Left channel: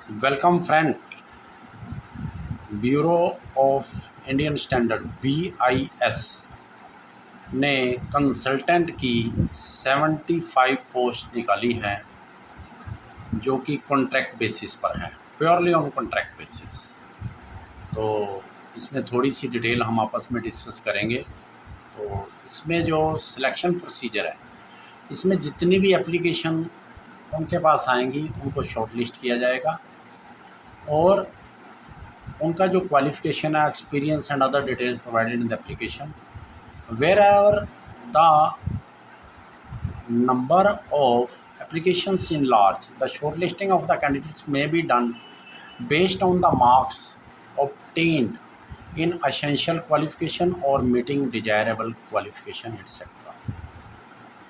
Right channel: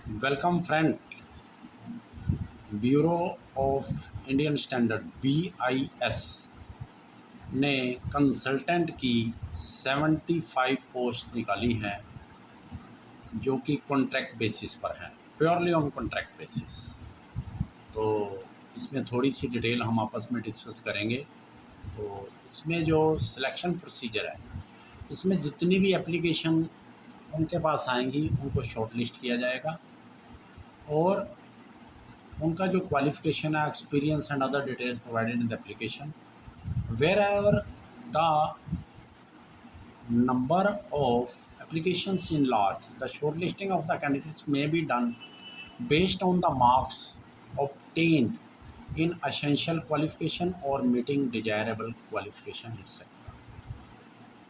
Welcome friend. Bureau of Indian standard BIS ने consultant की 75 post निकाली हैं जो कि कॉन्ट्रैक्ट बेसिस पर हैं, प्योरली ऑन कॉन्ट्रैक्ट बेसिस। तो इसमें थोड़ी सी डिटेल हम आपस में डिस्कस करेंगे। तो इसमें जो सिलेक्शन प्रोसीजर है, इसमें जितनी भी एप्लीकेशन उनके पास आएंगी उनको शॉर्टलिस्ट किया जाएगा और उनका जो क्वालिफिकेशन है, experience and other details provided in the application, wherever the number of applications enlarged, the shortlisting of the candidates may be done based on the marks obtained in essential qualification or meeting desirable qualification etc.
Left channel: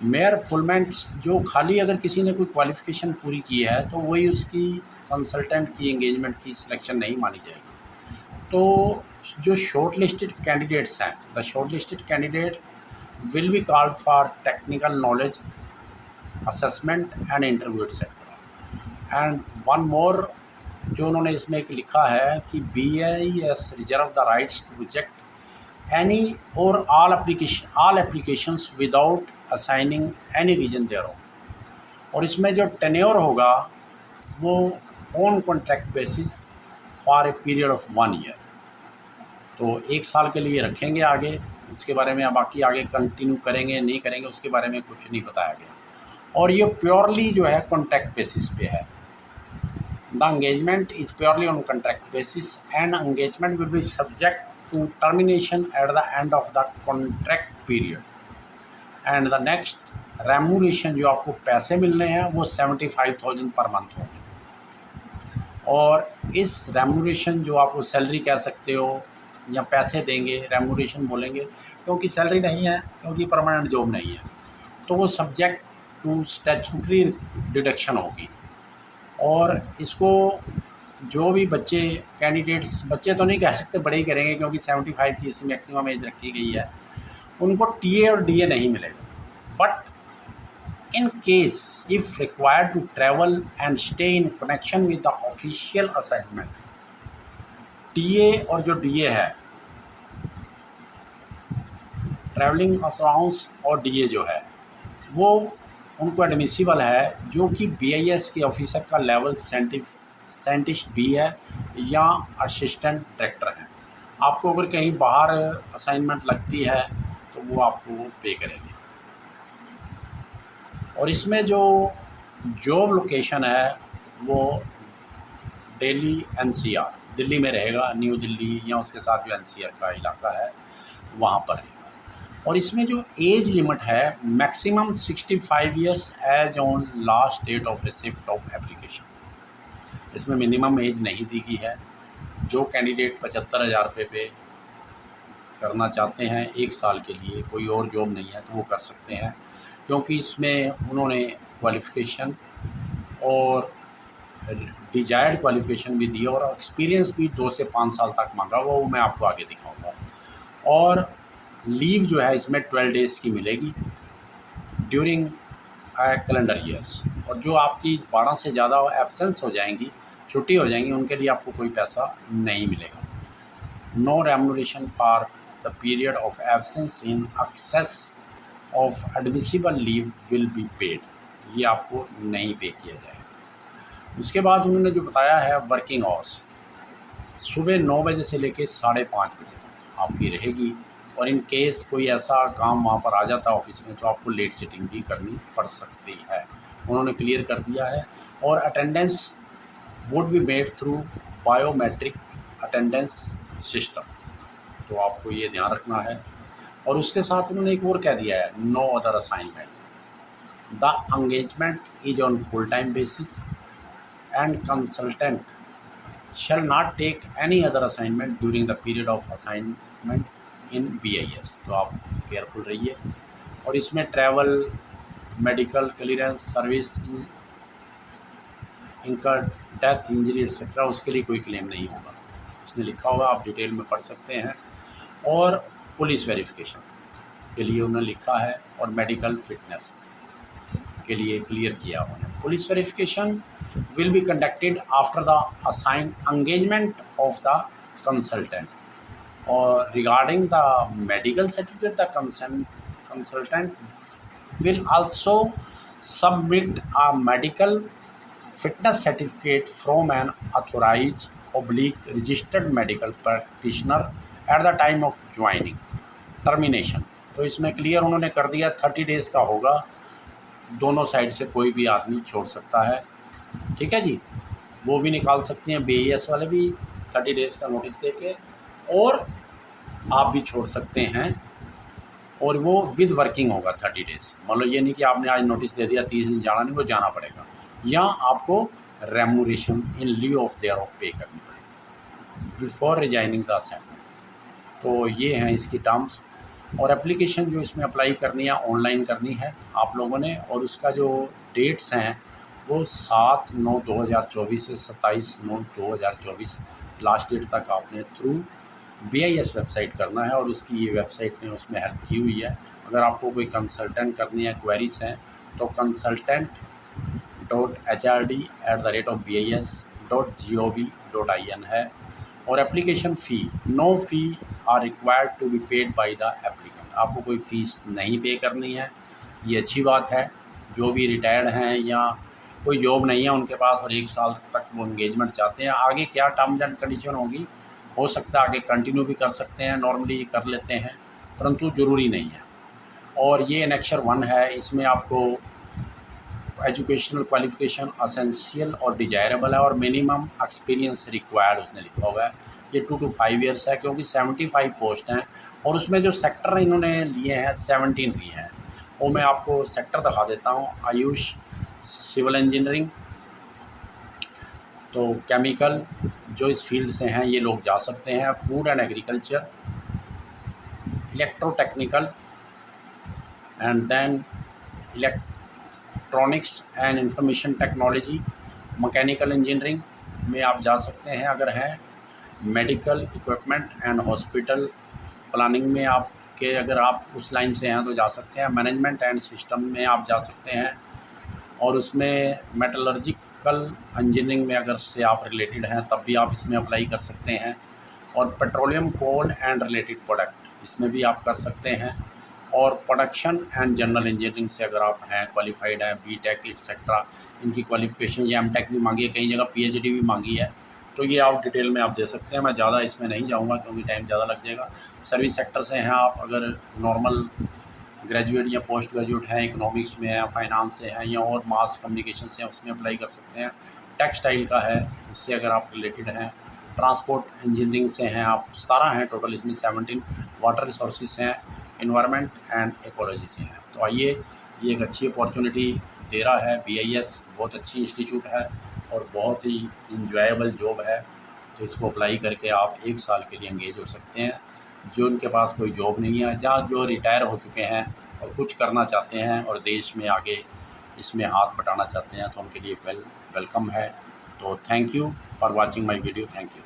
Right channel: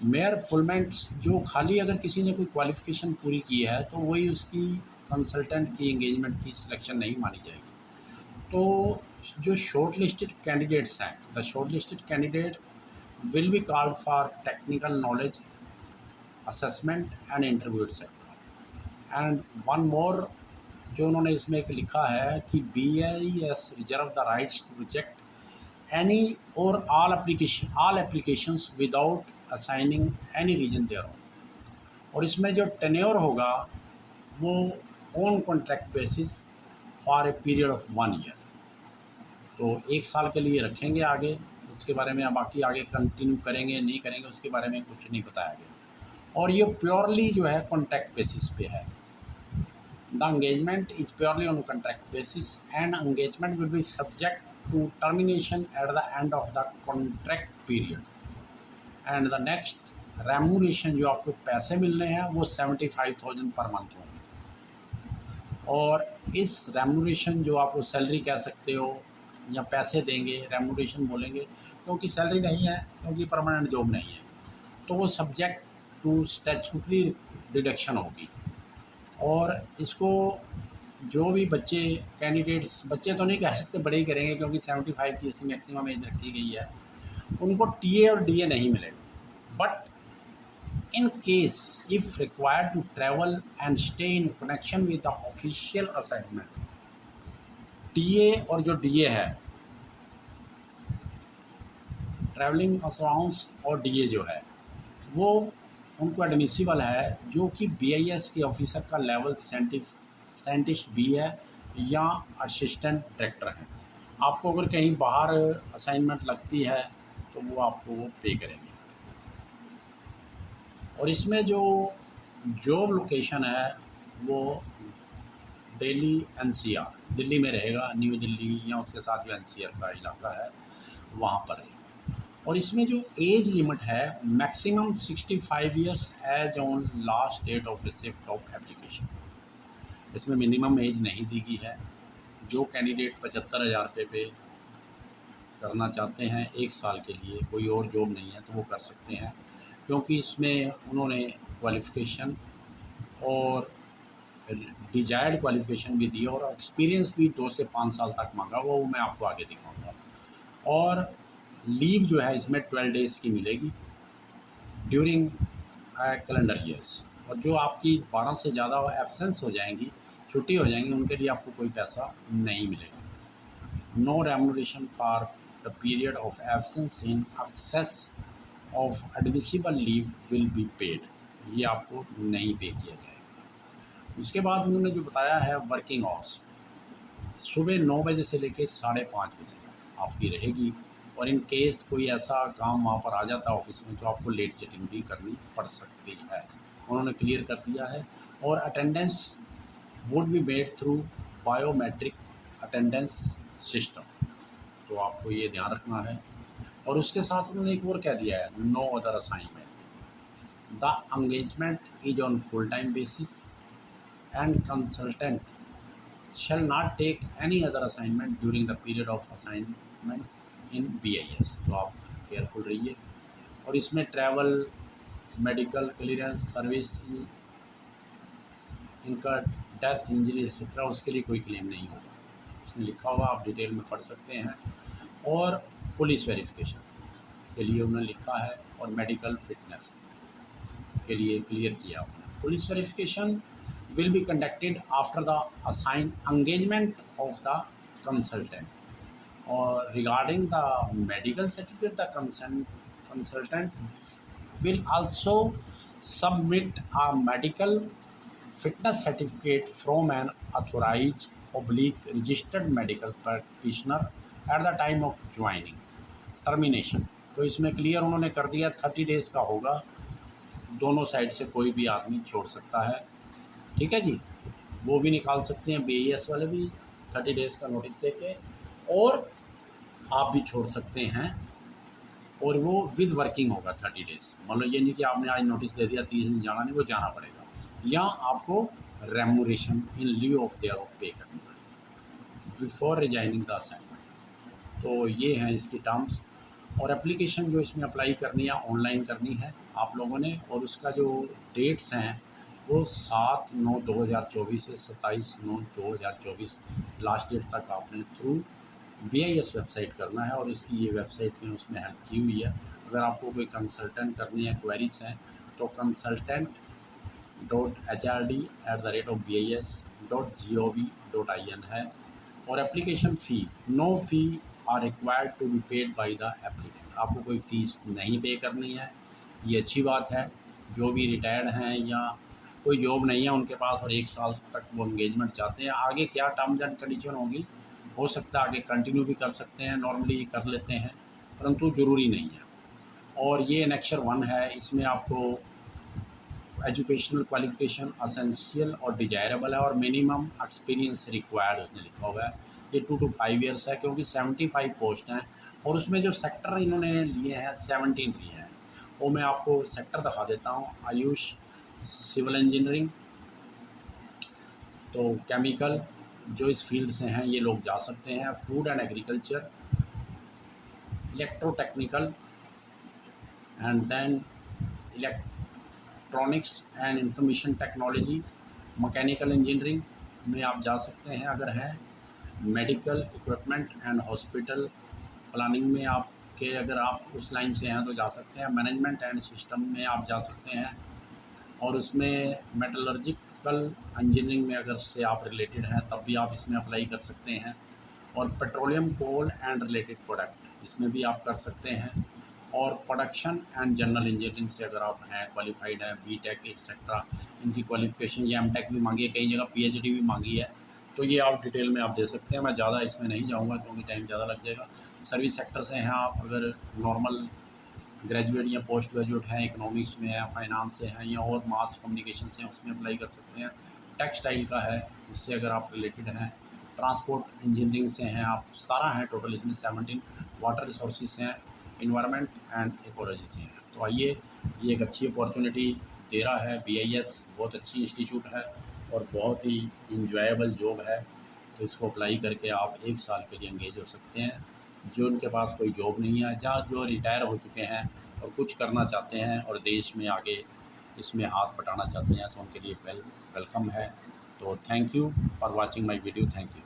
मेयर फुलमेंट्स जो खाली अगर किसी ने कोई qualification पूरी की है तो वही उसकी कंसल्टेंट की एंगेजमेंट की सिलेक्शन नहीं मानी जाएगी। तो जो शॉर्ट लिस्टेड कैंडिडेट्स हैं, the short listed candidate will be called for technical knowledge assessment and interview etcetera. And one more जो उन्होंने इसमें एक लिखा है कि BIS reserve the rights to reject any or all applications without assigning any reason there. और इसमें जो टेन्योर होगा वो on contract basis for a period of 1 year. तो 1 साल के लिए रखेंगे आगे। इसके बारे में अब बाकी आगे कंटिन्यू करेंगे नहीं करेंगे उसके बारे में कुछ नहीं बताया गया। और ये प्योरली जो है कॉन्ट्रैक्ट बेसिस पे है। The engagement is purely on contract basis and engagement will be subject to termination at the end of the contract period. And the next remuneration जो आपको पैसे मिलने हैं वो 75,000 पर मंथ होंगे। और इस रेम्यूनरेशन जो आपको सैलरी कह सकते हो या पैसे देंगे, रेम्यूनरेशन बोलेंगे क्योंकि सैलरी नहीं है, क्योंकि परमानेंट जॉब नहीं है, तो वो सब्जेक्ट टू स्टैट्यूटरी डिडक्शन होगी। और इसको जो भी बच्चे कैंडिडेट्स, बच्चे तो नहीं कह सकते, बड़े ही करेंगे क्योंकि 75 की इसी मैक्सिमम एज रखी गई है, उनको TA और DA नहीं मिलेगा। But in case if required to travel and stay in connection with the official assignment, TA और जो DA है, ट्रैवलिंग अलाउंस और DA जो है वो उनको एडमिसिबल है जो कि BIS के ऑफिसर का लेवल साइंटिस्ट भी है या असिस्टेंट डायरेक्टर है। आपको अगर कहीं बाहर असाइनमेंट लगती है तो वो आपको पे करेंगे। और इसमें जो जॉब लोकेशन है वो दिल्ली NCR, दिल्ली में रहेगा, न्यू दिल्ली या उसके साथ जो NCR का इलाका है वहाँ पर रहेगा। और इसमें जो एज लिमिट है maximum 65 years age on last date of receipt of application. इसमें मिनिमम एज नहीं दी गई है। जो कैंडिडेट 75,000 रुपये पे करना चाहते हैं 1 साल के लिए, कोई और जॉब नहीं है तो वो कर सकते हैं, क्योंकि इसमें उन्होंने क्वालिफ़िकेशन और डिजायर्ड क्वालिफ़िकेशन भी दी और एक्सपीरियंस भी 2 से 5 साल तक मांगा, वो मैं आपको आगे दिखाऊंगा। और लीव जो है इसमें 12 डेज़ की मिलेगी ड्यूरिंग कैलेंडर ईयर्स। और जो आपकी 12 से ज़्यादा एब्सेंस हो जाएंगी, छुट्टी हो जाएंगी, उनके लिए आपको कोई पैसा नहीं मिलेगा। No remuneration for the period of absence in excess of admissible leave will be paid, ये आपको नहीं पे किया जाएगा। उसके बाद उन्होंने जो बताया है वर्किंग आवर्स, सुबह 9 बजे से लेकर 5:30 बजे तक आपकी रहेगी। और इन केस कोई ऐसा काम वहाँ पर आ जाता है ऑफिस में तो आपको लेट सिटिंग भी करनी पड़ सकती है, उन्होंने क्लियर कर दिया है। और attendance would be made through biometric attendance system, तो आपको ये ध्यान रखना है। और उसके साथ उन्होंने एक और कह दिया है, no other assignment, the engagement is on full time basis and consultant shall not take any other assignment during the period of assignment in BIS। तो आप केयरफुल रहिए। और इसमें travel, medical clearance, service incurred death, injury etcetera, उसके लिए कोई claim नहीं होगा, इसने लिखा होगा, आप डिटेल में पढ़ सकते हैं। और पुलिस वेरिफिकेशन के लिए उन्होंने लिखा है और मेडिकल फिटनेस के लिए क्लियर किया उन्होंने। Police verification will be conducted after the assigned engagement of the consultant. Or regarding the medical certificate, the consultant will also submit a medical fitness certificate from an authorized oblique registered medical practitioner at the time of joining termination. तो इसमें clear उन्होंने कर दिया 30 days का होगा, दोनों side से कोई भी आदमी छोड़ सकता है। ठीक है जी, वो भी निकाल सकते हैं, BIS वाले भी 30 डेज़ का नोटिस दे के, और आप भी छोड़ सकते हैं। और वो विद वर्किंग होगा 30 डेज़। मान लो ये नहीं कि आपने आज नोटिस दे दिया 30 दिन जाना नहीं, वो जाना पड़ेगा, या आपको remuneration in leave of their of पे करनी पड़ेगी बिफोर रिजाइनिंग द असाइनमेंट। तो ये हैं इसकी टर्म्स। और एप्लीकेशन जो इसमें अप्लाई करनी है ऑनलाइन करनी है आप लोगों ने, और उसका जो डेट्स हैं वो 7/9/2024 से 27/9/2024 लास्ट डेट तक आपने थ्रू BIS वेबसाइट करना है। और उसकी ये वेबसाइट ने उसमें हेल्प की हुई है। अगर आपको कोई कंसल्टेंट करनी है, क्वेरीज हैं, तो consultant.hrd@bis.gov.in है। और application fee, no fee are required to be paid by the applicant. आपको कोई फ़ीस नहीं पे करनी है, ये अच्छी बात है। जो भी रिटायर्ड हैं या कोई जॉब नहीं है उनके पास और 1 साल तक वो एंगेजमेंट चाहते हैं, आगे क्या टर्म्स एंड कंडीशन होगी, हो सकता है आगे कंटिन्यू भी कर सकते हैं, नॉर्मली कर लेते हैं, परंतु ज़रूरी नहीं है। और ये एनेक्सर 1 है, इसमें आपको एजुकेशनल क्वालिफिकेशन असेंशियल और डिजायरेबल है, और मिनिमम एक्सपीरियंस रिक्वायर्ड उसने लिखा हुआ है। ये 2 to 5 ईयर्स है, क्योंकि 75 पोस्ट हैं, और उसमें जो सेक्टर इन्होंने लिए हैं 17 लिए हैं। वो मैं आपको सेक्टर दिखा देता हूँ। आयुष, सिविल इंजीनियरिंग, तो केमिकल जो इस फील्ड से हैं ये लोग जा सकते हैं, food and agriculture, electrotechnical, and then electronics and information technology, mechanical engineering में आप जा सकते हैं अगर हैं, medical equipment and hospital planning में आपके अगर आप उस लाइन से हैं तो जा सकते हैं, मैनेजमेंट एंड सिस्टम में आप जा सकते हैं, और उसमें मेटलर्जिकल इंजीनियरिंग में अगर से आप रिलेटेड हैं तब भी आप इसमें अप्लाई कर सकते हैं, और petroleum, coal and related product इसमें भी आप कर सकते हैं, और प्रोडक्शन एंड जनरल इंजीनियरिंग से अगर आप हैं, क्वालिफाइड हैं, BTech एक्सेट्रा, इनकी क्वालिफिकेशन ये MTech भी मांगी है, कई जगह PhD भी मांगी है। तो ये आप डिटेल में आप दे सकते हैं, मैं ज़्यादा इसमें नहीं जाऊँगा क्योंकि टाइम ज़्यादा लग जाएगा। सर्विस सेक्टर से हैं आप, अगर नॉर्मल ग्रेजुएट या पोस्ट ग्रेजुएट हैं, इकोनॉमिक्स में हैं, फाइनेंस से हैं, या और मास कम्युनिकेशन से हैं, उसमें अप्लाई कर सकते हैं। टेक्सटाइल का है, इससे अगर आप रिलेटेड हैं, ट्रांसपोर्ट इंजीनियरिंग से हैं आप, 17 हैं टोटल, इसमें 17 वाटर रिसोर्सेज हैं, इन्वायरमेंट एंड इकोलॉजी से हैं। तो आइए, ये एक अच्छी अपॉर्चुनिटी दे रहा है BIS, बहुत अच्छी इंस्टीट्यूट है और बहुत ही इंजॉयबल जॉब है। तो इसको अप्लाई करके आप 1 साल के लिए एंगेज हो सकते हैं। जो उनके पास कोई जॉब नहीं है, जहाँ जो रिटायर हो चुके हैं और कुछ करना चाहते हैं और देश में आगे इसमें हाथ बटाना चाहते हैं, तो उनके लिए वेलकम है। तो thank you for watching my video. Thank you.